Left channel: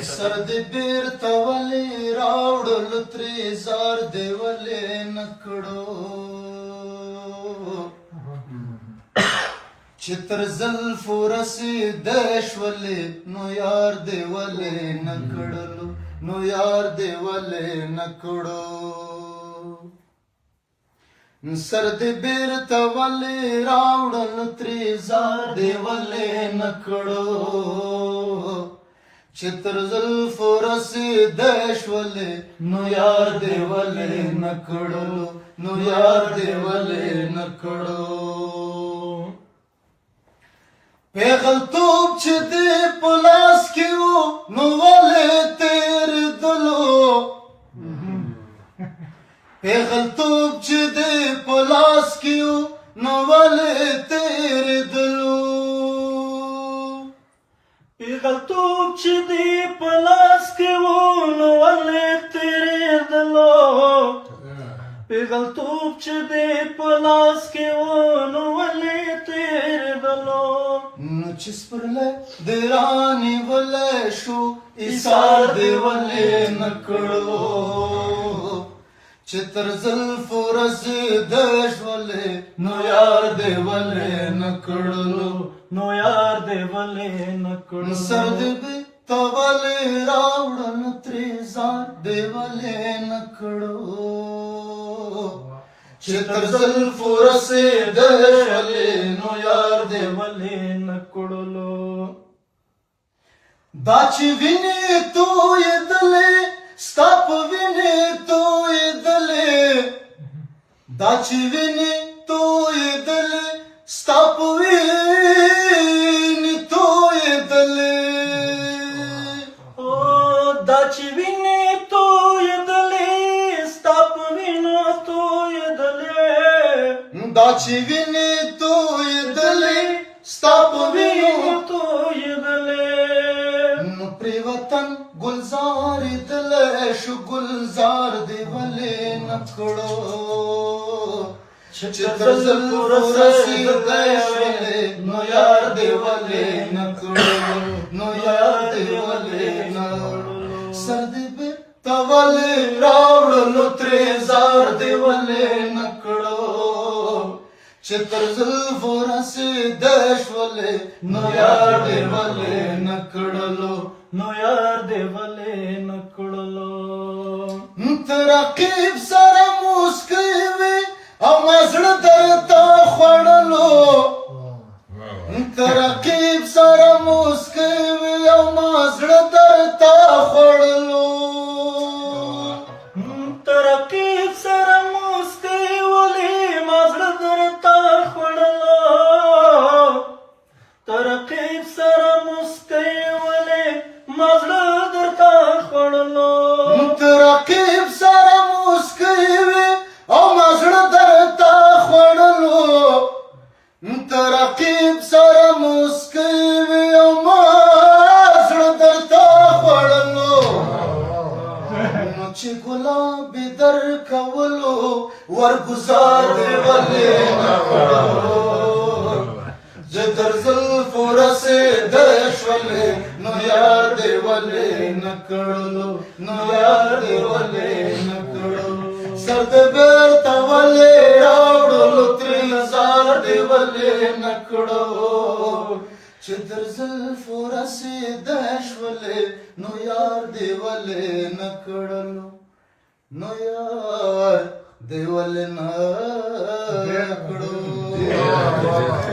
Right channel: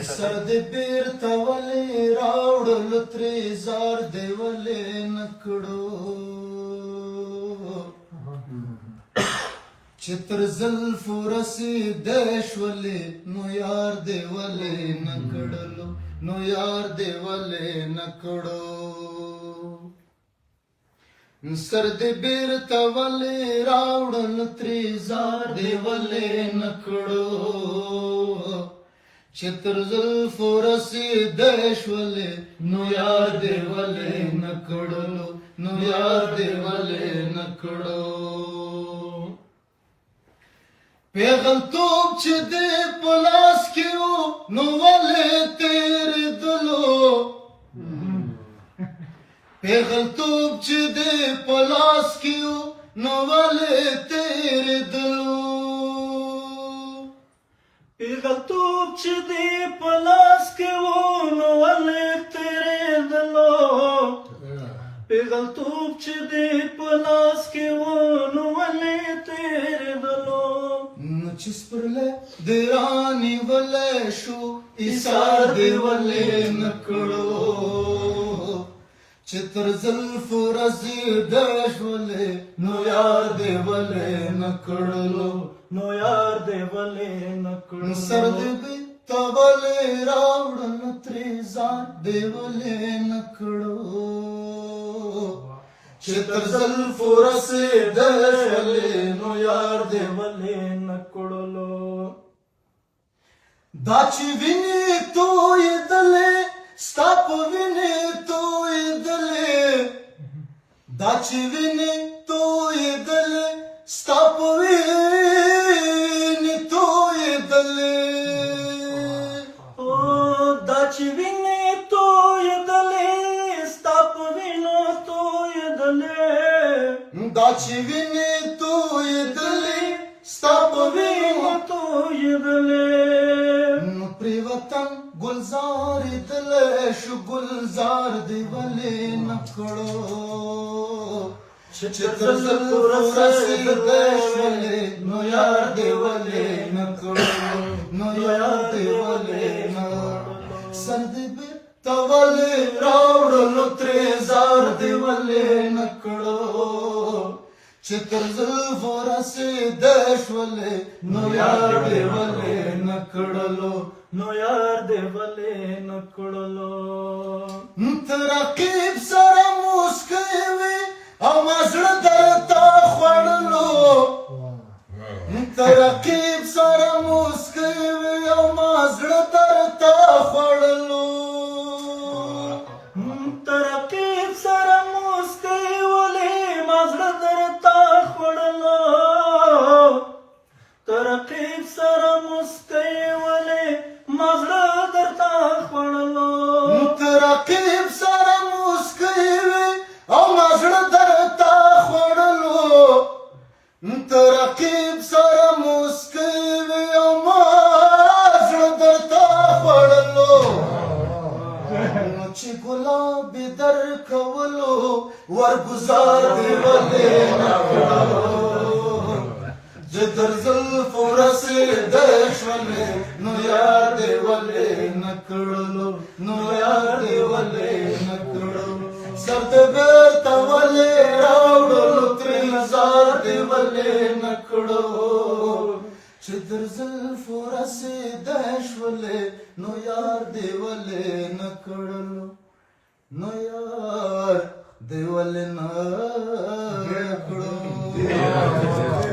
سر دې بیرته ولې راوړلو ترې زار دې ولې نه کړو چې تر زلفو رسېدی شولې نو یار دې ولې نه کړلو نو یار دې ولې نه کړو سر دې بیرته ولې راوړلو ترې زار دې ولې نه کړو چې تر زلفو رسېدی شولې نو یار دې ولې نه کړلو نو یار دې ولې نه کړو پیغلتوب چې دې په لاس کې و نو ولې تېرېدلو پیغلتوب چې دې په لاس کې و نو ولې تېرېدلو پیغلتوب چې دې په لاس کې و نو ولې تېرېدلو پیغلتوب چې دې په لاس کې و نو ولې تېرېدلو نو چې سپرلی دې رانیولی شو ایثار دې ولې نه کړو چې تر زلفو رسېدی شولې نو یار دې ولې نه کړلو نو یار دې ولې نه کړلو سر دې بیرته ولې راوړلو ترې زار دې ولې نه کړو چې تر زلفو رسېدی شولې نو یار دې ولې نه کړلو دا چې وینې تویېدلې ستا په وینې تویېدلې دا چې وینې تویېدلې ستا په وینې تویېدلې دا چې وینې تویېدلې ستا په وینو تویېدلې دا چې وینې تویېدلې ستا په وینو تویېدلې نو پرې وطن گلزار دلی شو گلزار دې ولې نه کړو چې تر زلفو رسېدی شولې نو یار دې ولې نه کړو نو یار دې ولې نه سر دې بیرته ولې راوړلو ترې زار دې ولې نه کړو چې تر زلفو رسېدی شولې نو یار دې ولې نه کړلو نو یار دې ولې نه کړلو ته رقیب سره موسکی وې او ما زړه درته خوړلو ته رقیب سره موسکی وې او ما زړه درته خوړلو ته رقیب سره موسکی ولې ما زړه درته خوړلو ته رقیب سره موسکی ولې ما زړه درته خوړلو ته رقیب سره موسکی وې او ما زړه درته خوړلو ته رقیب سره موسکی وې او ما زړه درته خوړلو نو چې ګلابي درکولو ورګزار دې ولې نه کړو چې تر زلفو رسېدی شولې نو یار دې ولې نه کړلو نو یار دې ولې نه کړو سر دې بیرته ولې راوړلو ترې زار دې ولې نه کړو چې تر زلفو رسېدی شولې نو یار دې ولې نه کړلو نو یار دې ولې نه کړو